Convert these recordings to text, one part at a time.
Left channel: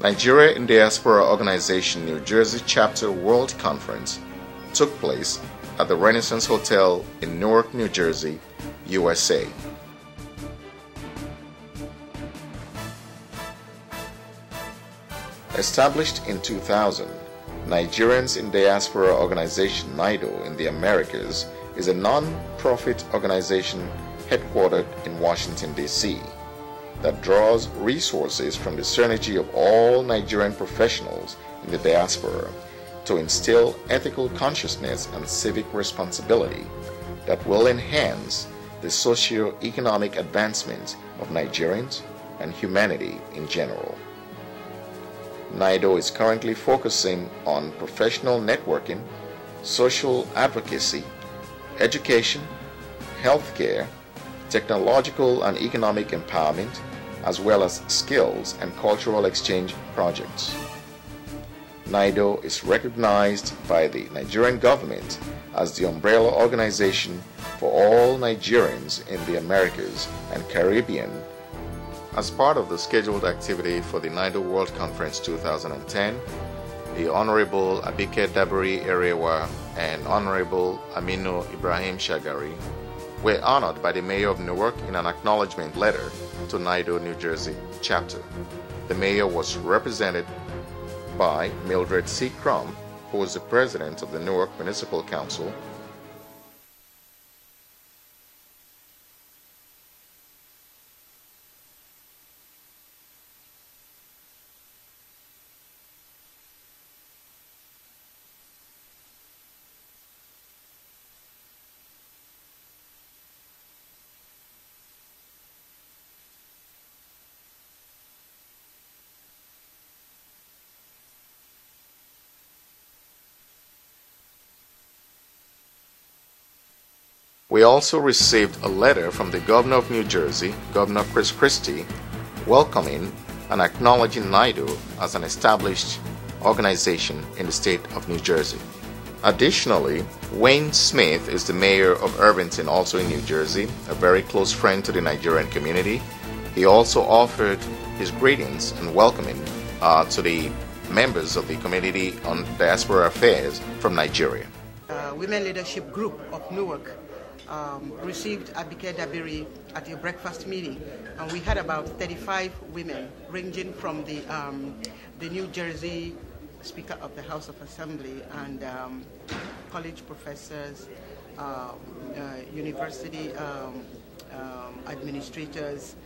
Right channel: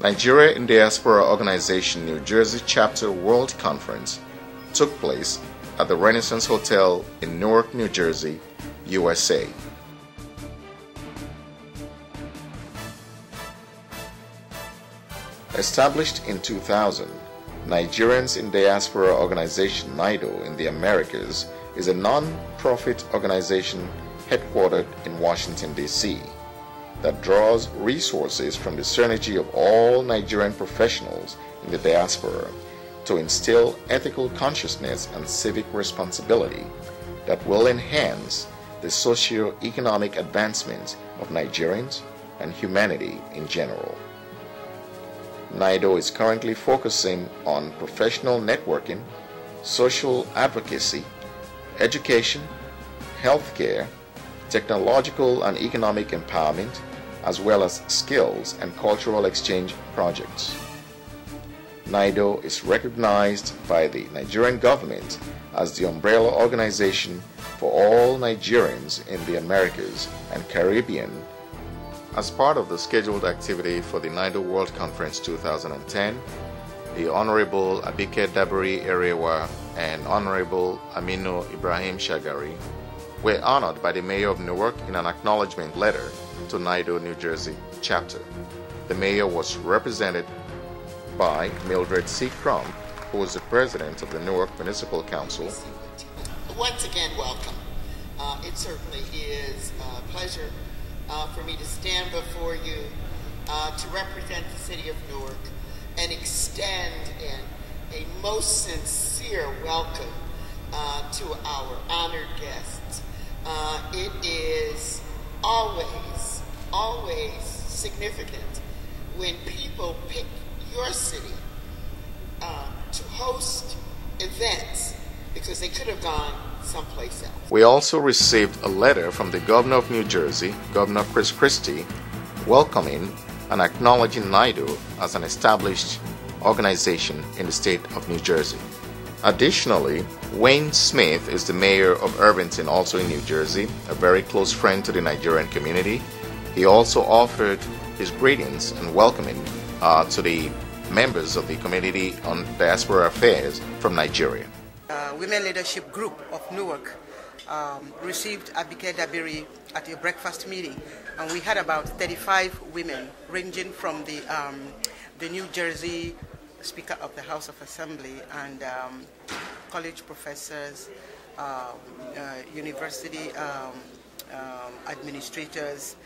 Nigeria in Diaspora Organization New Jersey Chapter World Conference took place at the Renaissance Hotel in Newark, New Jersey, USA. Established in 2000, Nigerians in Diaspora Organization Nido in the Americas is a non-profit organization headquartered in Washington, D.C. that draws resources from the synergy of all Nigerian professionals in the diaspora to instill ethical consciousness and civic responsibility that will enhance the socio-economic advancement of Nigerians and humanity in general. Nido is currently focusing on professional networking, social advocacy, education, healthcare, technological and economic empowerment, as well as skills and cultural exchange projects. Nido is recognized by the Nigerian government as the umbrella organization for all Nigerians in the Americas and Caribbean. As part of the scheduled activity for the Nido World Conference 2010, the Honorable Abike Dabiri Erewa and Honorable Aminu Ibrahim Shagari were honored by the Mayor of Newark in an acknowledgement letter to Nido, New Jersey chapter. The Mayor was represented by Mildred C. Crump, who is the President of the Newark Municipal Council. Once again, welcome. It certainly is a pleasure for me to stand before you to represent the City of Newark and extend a most sincere welcome to our honored guests. It is always significant when people pick your city to host events because they could have gone someplace else. We also received a letter from the Governor of New Jersey, Governor Chris Christie, welcoming and acknowledging Nido as an established organization in the state of New Jersey. Additionally, Wayne Smith is the mayor of Irvington, also in New Jersey, a very close friend to the Nigerian community. He also offered his greetings and welcoming to the members of the Committee on Diaspora Affairs from Nigeria. Women Leadership Group of Newark received Abike Dabiri at a breakfast meeting, and we had about 35 women ranging from the New Jersey Speaker of the House of Assembly and college professors, university administrators,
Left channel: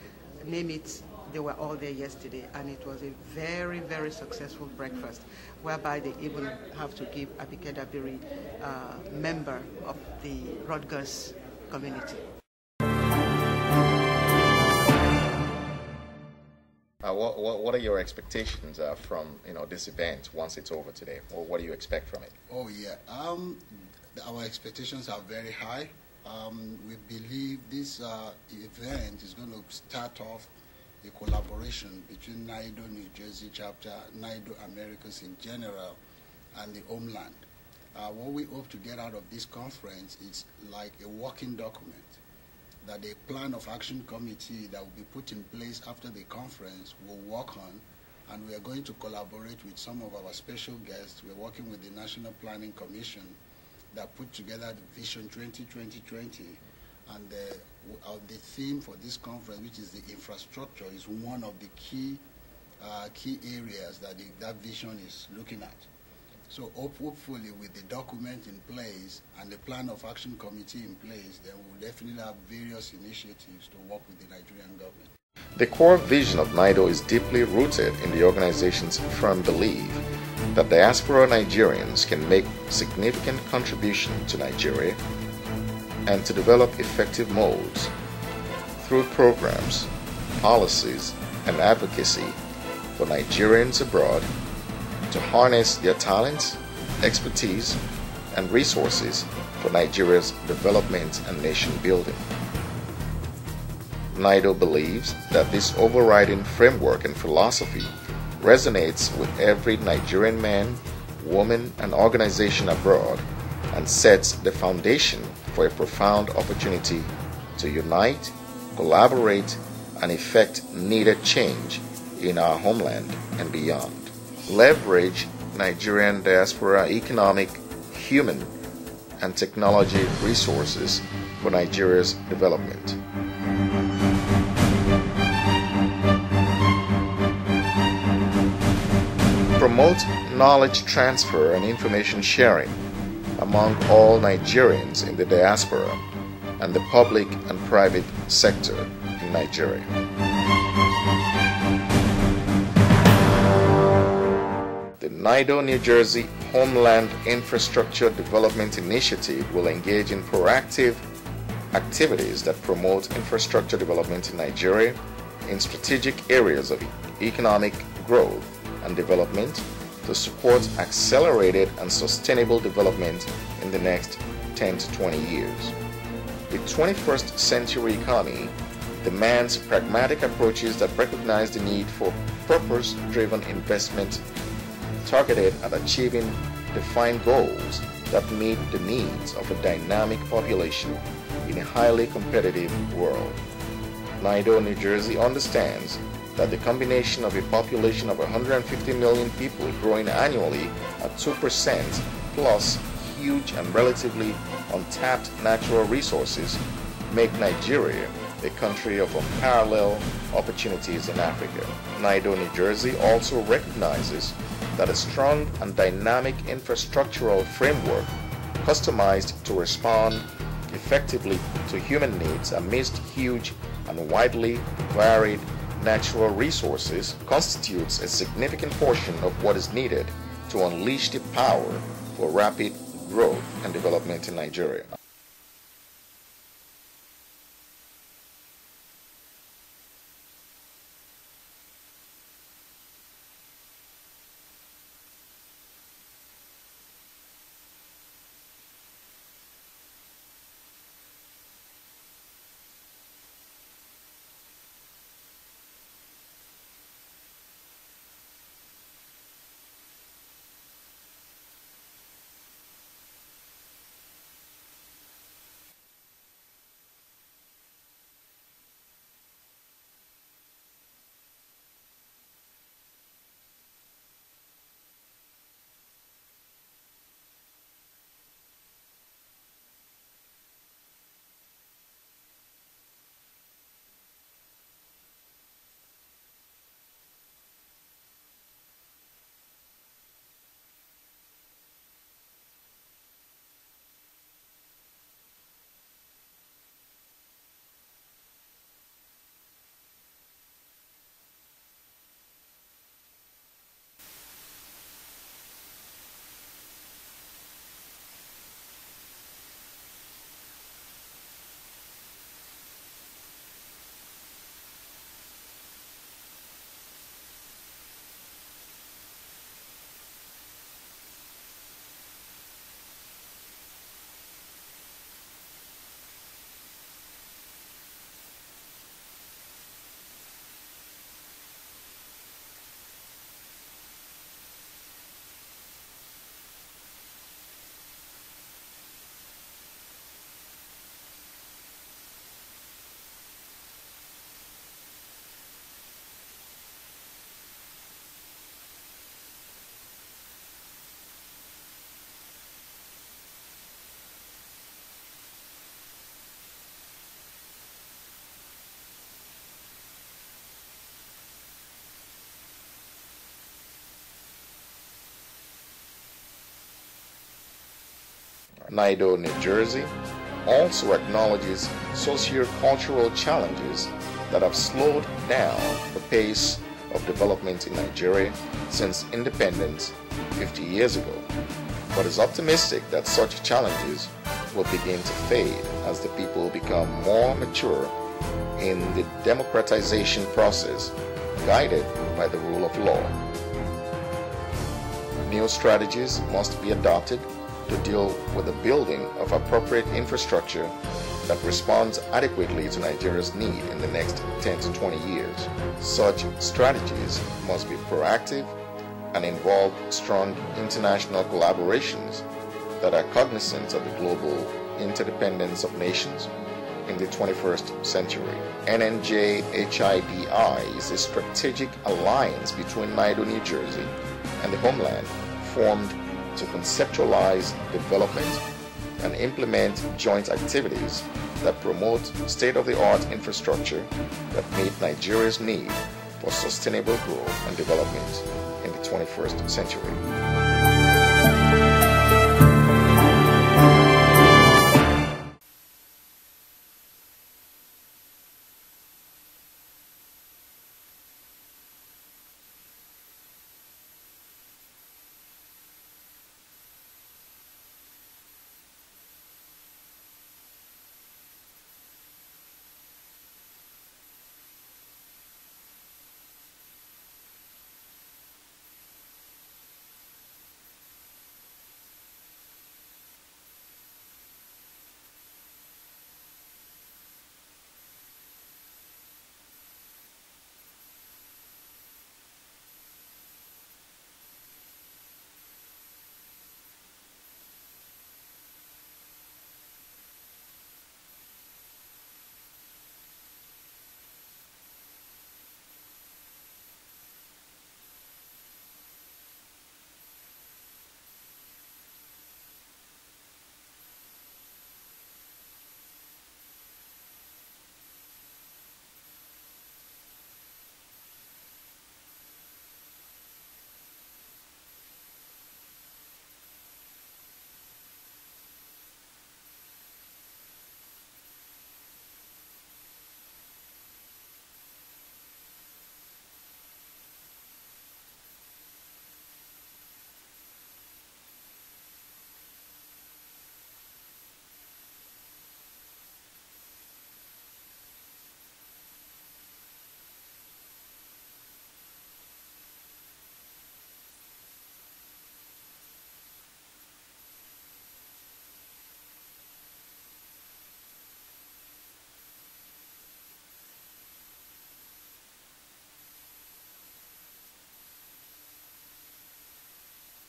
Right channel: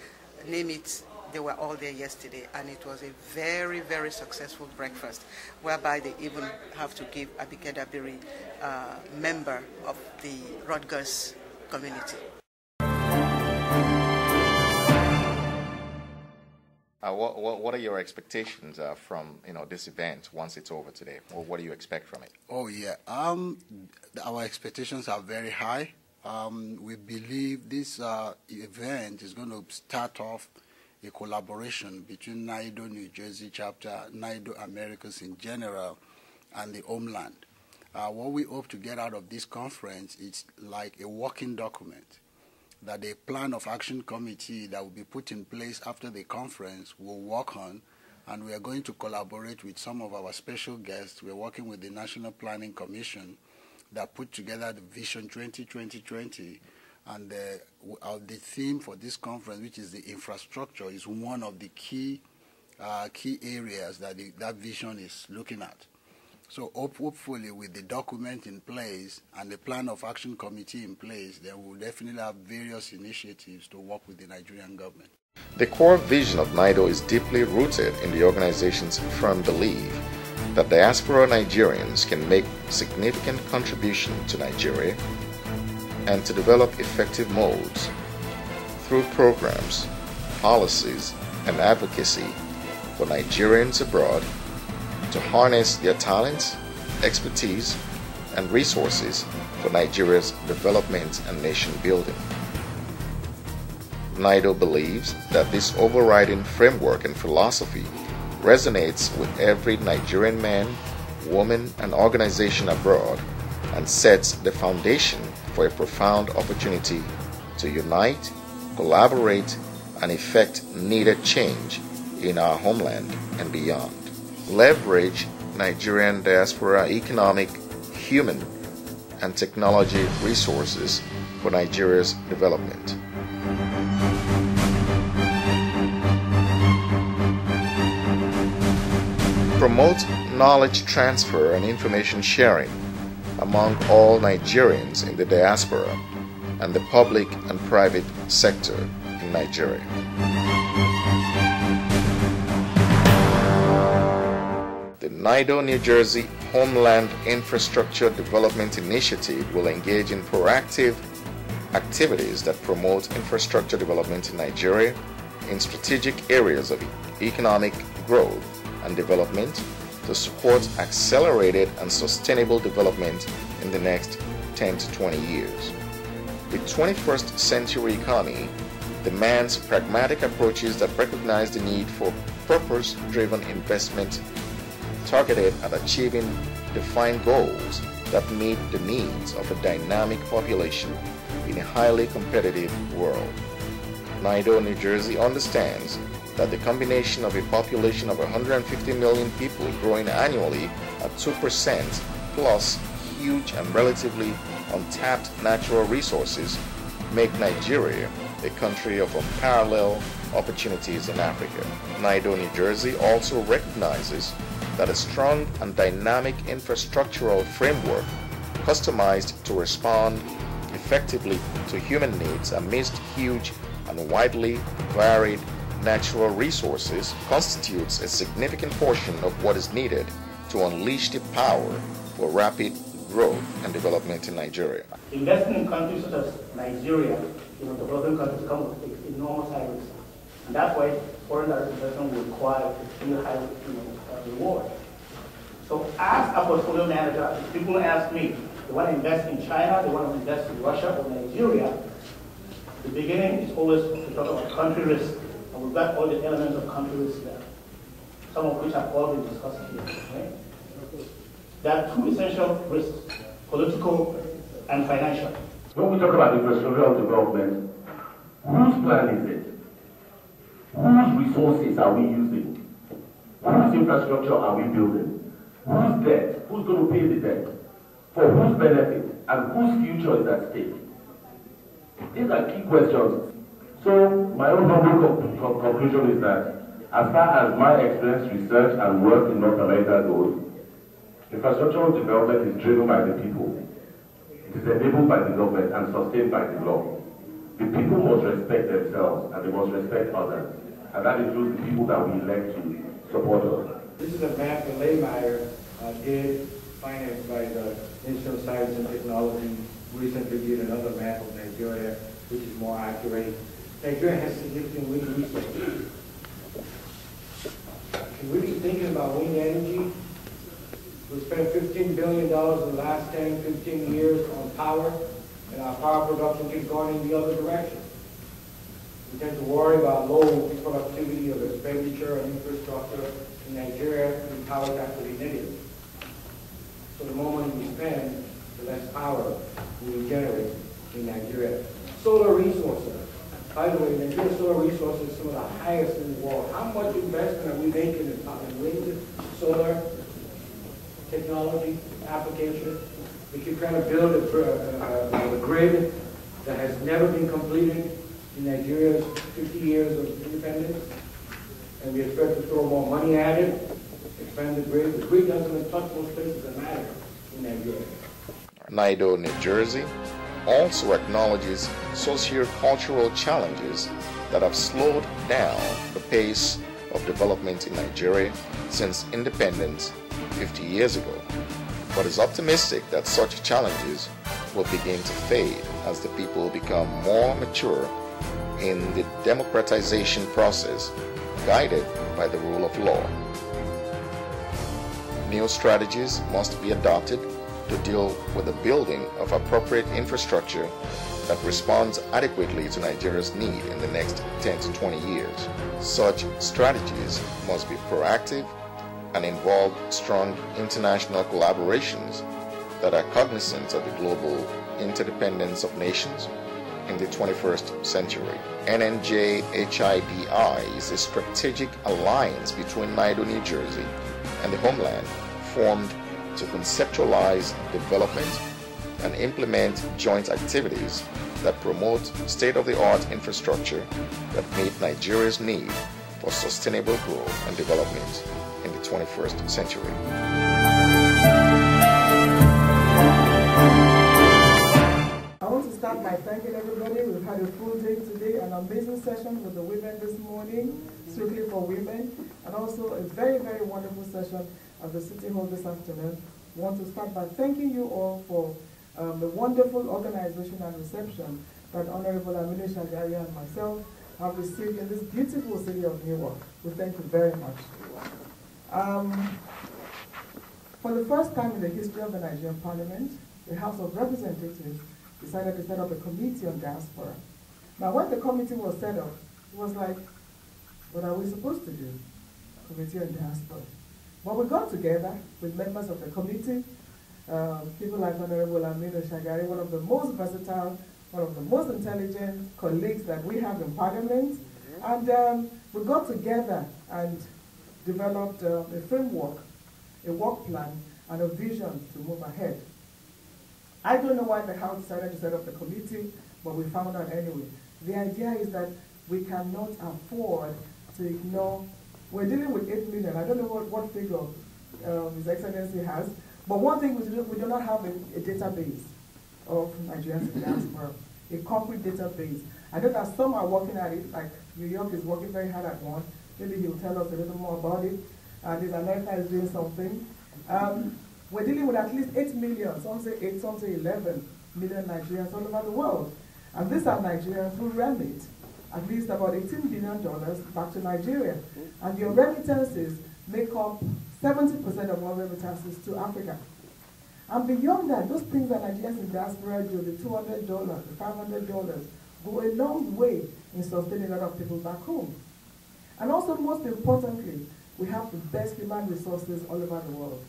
name it. They were all there yesterday, and it was a very, very successful breakfast, whereby they even have to give Abike Dabiri member of the Rutgers community. What are your expectations from this event once it's over today, or what do you expect from it? Oh yeah, our expectations are very high. We believe this event is going to start off a collaboration between Nido New Jersey chapter, Nido Americas in general, and the homeland. What we hope to get out of this conference is like a working document that the plan of action committee that will be put in place after the conference will work on, and we are going to collaborate with some of our special guests. We're working with the National Planning Commission that put together the Vision 2020, and the theme for this conference, which is the infrastructure, is one of the key areas that that vision is looking at. So hopefully with the document in place and the plan of action committee in place, then we'll definitely have various initiatives to work with the Nigerian government. The core vision of Nido is deeply rooted in the organization's firm belief that diaspora Nigerians can make significant contribution to Nigeria and to develop effective modes through programs, policies, and advocacy for Nigerians abroad to harness their talents, expertise, and resources for Nigeria's development and nation building. Nido believes that this overriding framework and philosophy resonates with every Nigerian man, woman, and organization abroad and sets the foundation for a profound opportunity to unite, collaborate, and effect needed change in our homeland and beyond. Leverage Nigerian diaspora economic, human, and technology resources for Nigeria's development. Promote knowledge transfer and information sharing among all Nigerians in the diaspora and the public and private sector in Nigeria. The Nido, New Jersey Homeland Infrastructure Development Initiative will engage in proactive activities that promote infrastructure development in Nigeria in strategic areas of economic growth and development to support accelerated and sustainable development in the next 10 to 20 years. The 21st century economy demands pragmatic approaches that recognize the need for purpose-driven investment targeted at achieving defined goals that meet the needs of a dynamic population in a highly competitive world. Nido, New Jersey understands that the combination of a population of 150 million people growing annually at 2% plus huge and relatively untapped natural resources make Nigeria a country of unparalleled opportunities in Africa. Nido, New Jersey also recognizes that a strong and dynamic infrastructural framework customized to respond effectively to human needs amidst huge and widely varied natural resources constitutes a significant portion of what is needed to unleash the power for rapid growth and development in Nigeria. Investing in countries such as Nigeria, developing countries come with enormous high risk. And that's why foreign direct investment will require extremely high reward. So as a portfolio manager, if people ask me, they want to invest in China, they want to invest in Russia or Nigeria, the beginning is always to talk about country risk. And we've got all the elements of country risk there, some of which have all been discussed here. Right? There are two essential risks, political and financial. When we talk about infrastructural development, whose plan is it? Whose resources are we using? Whose infrastructure are we building? Whose debt? Who's going to pay the debt? For whose benefit? And whose future is at stake? These are key questions. So my own humble conclusion is that as far as my experience, research, and work in North America goes, infrastructural development is driven by the people. It is enabled by the government and sustained by the law. The people must respect themselves and they must respect others. And that includes the people that we elect to support us. This is a map that Laymeyer did, financed by the Institute of Science and Technology. Recently did another map of Nigeria, which is more accurate. Nigeria has significant wind resources. Can we be thinking about wind energy? We spent $15 billion in the last 10, 15 years on power, and our power production keeps going in the other direction. We tend to worry about low productivity of expenditure and infrastructure in Nigeria, and power is actually negative. So the more money we spend, the less power we generate in Nigeria. Solar resources. By the way, Nigeria's solar resources are some of the highest in the world. How much investment are we making in wind, solar, technology, application? We keep trying to build a grid that has never been completed in Nigeria's 50 years of independence. And we expect to throw more money at it, expand the grid. The grid doesn't touch most places that matter in Nigeria. Nido, New Jersey also acknowledges socio-cultural challenges that have slowed down the pace of development in Nigeria since independence 50 years ago, but is optimistic that such challenges will begin to fade as the people become more mature in the democratization process, guided by the rule of law. New strategies must be adopted to deal with the building of appropriate infrastructure that responds adequately to Nigeria's need in the next 10 to 20 years. Such strategies must be proactive and involve strong international collaborations that are cognizant of the global interdependence of nations in the 21st century. NNJ-HIDI is a strategic alliance between Nido, New Jersey and the homeland, formed to conceptualize development and implement joint activities that promote state-of-the-art infrastructure that meet Nigeria's need for sustainable growth and development in the 21st century. I want to start by thanking everybody. We've had a full day today, an amazing session with the women this morning, strictly for women, and also a very, very wonderful session at the City Hall this afternoon. I want to start by thanking you all for the wonderful organization and reception that Honorable Amina Shagari and myself have received in this beautiful city of Newark. We thank you very much. For the first time in the history of the Nigerian Parliament, the House of Representatives decided to set up a committee on diaspora. Now, when the committee was set up, it was like, what are we supposed to do? Committee on diaspora. But we got together with members of the committee, people like Honorable Amina Shagari, one of the most versatile, one of the most intelligent colleagues that we have in Parliament. And we got together and developed a framework, a work plan, and a vision to move ahead. I don't know why the House decided to set up the committee, but we found out anyway. The idea is that we cannot afford to ignore. We're dealing with 8 million. I don't know what figure His Excellency has, but one thing we do not have a database of Nigerians in diaspora, a concrete database. I know that some are working at it, like New York is working very hard at one. Maybe he'll tell us a little more about it. And America is doing something. We're dealing with at least 8 million, some say 8, some say 11 million Nigerians all over the world. And these are Nigerians who remit at least about $18 billion back to Nigeria. And your remittances make up 70% of all remittances to Africa. And beyond that, those things that Nigerians in diaspora do, the $200, the $500, go a long way in sustaining a lot of people back home. And also, most importantly, we have the best human resources all over the world.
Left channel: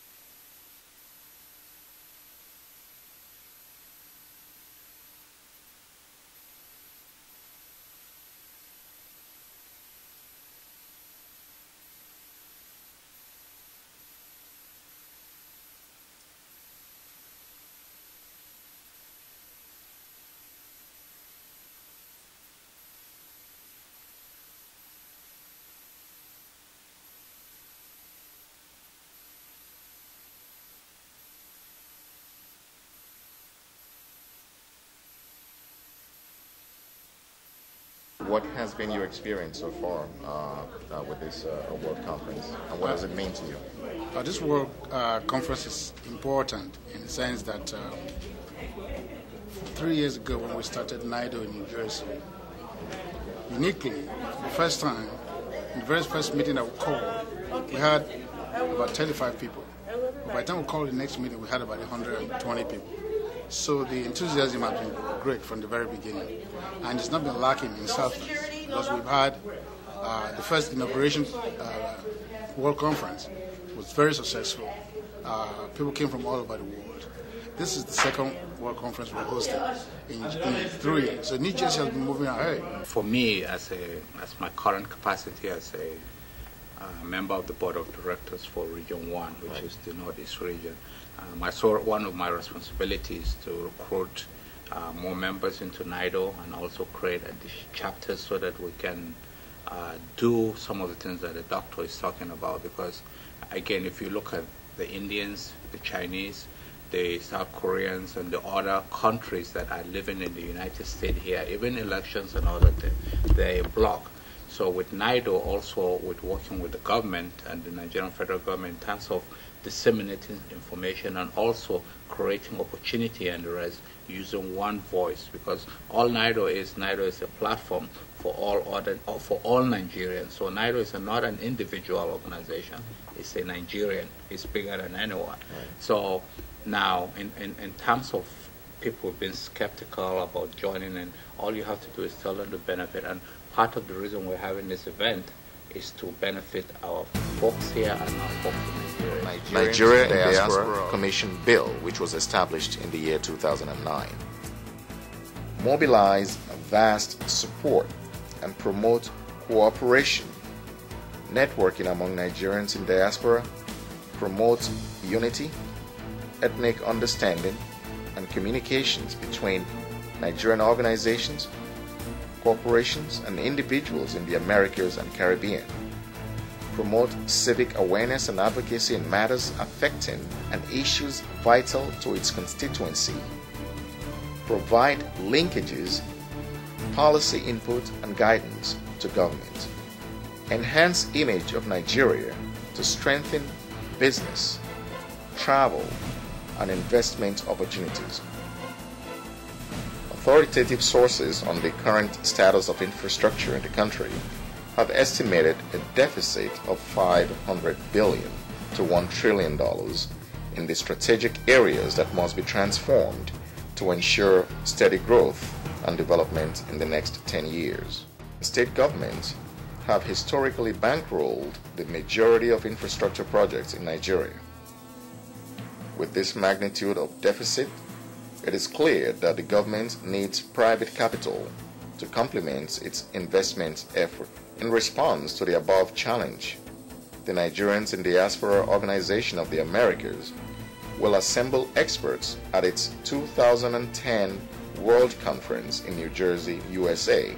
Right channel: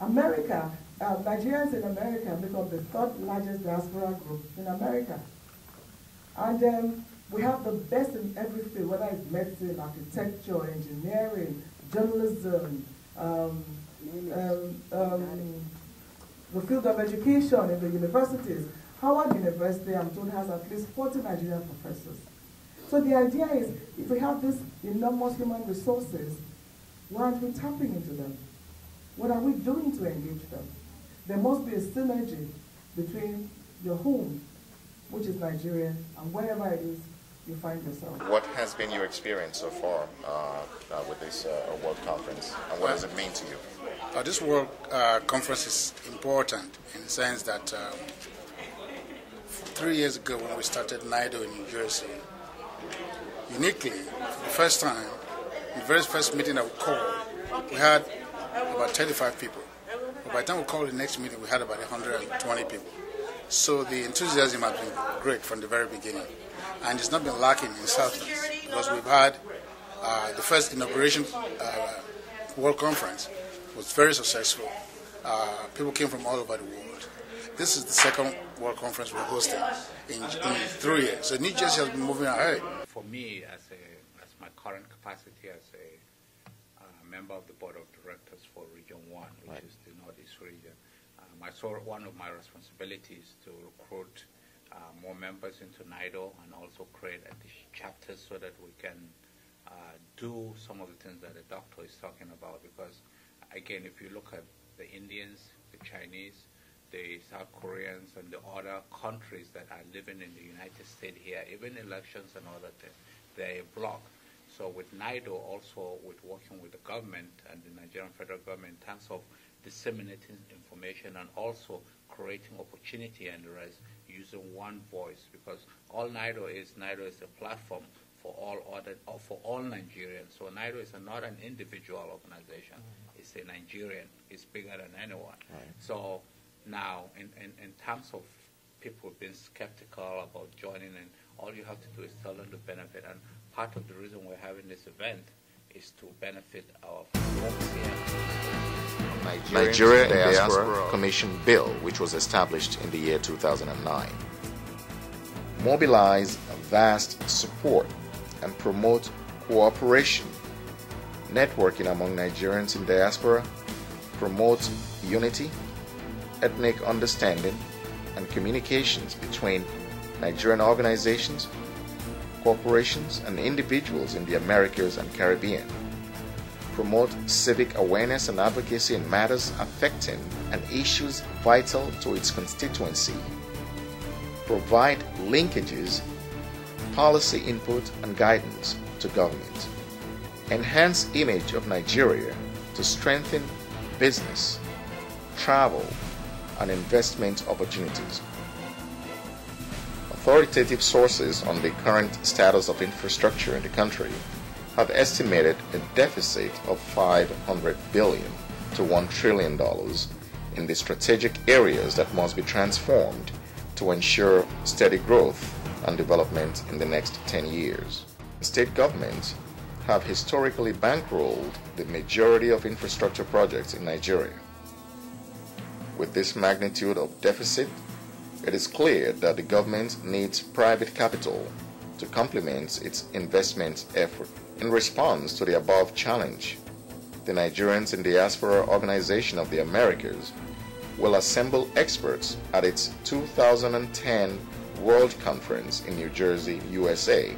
America, Nigerians in America make up the 3rd largest diaspora group in America. And we have the best in every field, whether it's medicine, architecture, engineering, journalism, the field of education in the universities. Howard University, I'm told, has at least 40 Nigerian professors. So the idea is, if we have these enormous human resources, why aren't we tapping into them? What are we doing to engage them? There must be a synergy between your home, which is Nigeria, and wherever it is you find yourself. What has been your experience so far with this World Conference, and what does it mean to you? This World Conference is important in the sense that 3 years ago when we started Nido in New Jersey, uniquely, for the first time, in the very first meeting that we called, we had about 35 people. But by the time we called the next meeting, we had about 120 people. So the enthusiasm has been great from the very beginning. And it's not been lacking in substance, because we've had the first inauguration World Conference was very successful. People came from all over the world. This is the second World Conference we're hosting in 3 years. So New Jersey has been moving ahead. For me, as my current capacity as a member of the Board of Directors for Region 1, which is the Northeast region, one of my responsibilities to recruit more members into Nido and also create additional chapters so that we can do some of the things that the doctor is talking about. Because, again, if you look at the Indians, the Chinese, the South Koreans, and the other countries that are living in the United States here, even elections and all that, they're a block. So with Nido, also with working with the government and the Nigerian federal government in terms of disseminating information and also creating opportunity and the rest, using one voice, because all Nido is a platform for all Nigerians. So Nido is not an individual organization; it's a Nigerian. It's bigger than anyone. Right. So now, in terms of people being skeptical about joining, and all you have to do is tell them the benefit. And part of the reason we're having this event is to benefit our folks here and our folks. Nigeria Diaspora Commission Bill, which was established in the year 2009. mobilize vast support and promote cooperation, networking among Nigerians in diaspora, promote unity, ethnic understanding, and communications between Nigerian organizations, corporations, and individuals in the Americas and Caribbean. Promote civic awareness and advocacy in matters affecting and issues vital to its constituency. Provide linkages, policy input, and guidance to government. Enhance image of Nigeria to strengthen business, travel, and investment opportunities. Authoritative sources on the current status of infrastructure in the country have estimated a deficit of $500 billion to $1 trillion in the strategic areas that must be transformed to ensure steady growth and development in the next 10 years. State governments have historically bankrolled the majority of infrastructure projects in Nigeria. With this magnitude of deficit, it is clear that the government needs private capital to complement its investment effort. In response to the above challenge, the Nigerians in Diaspora Organization of the Americas will assemble experts at its 2010 World Conference in New Jersey, USA,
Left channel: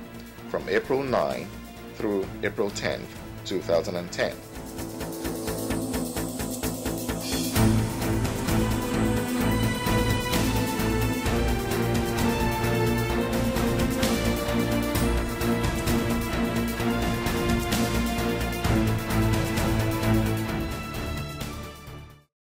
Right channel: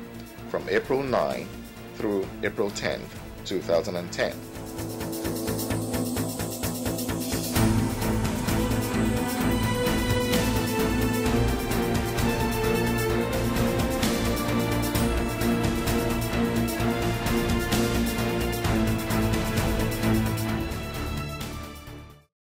from April 9 through April 10, 2010.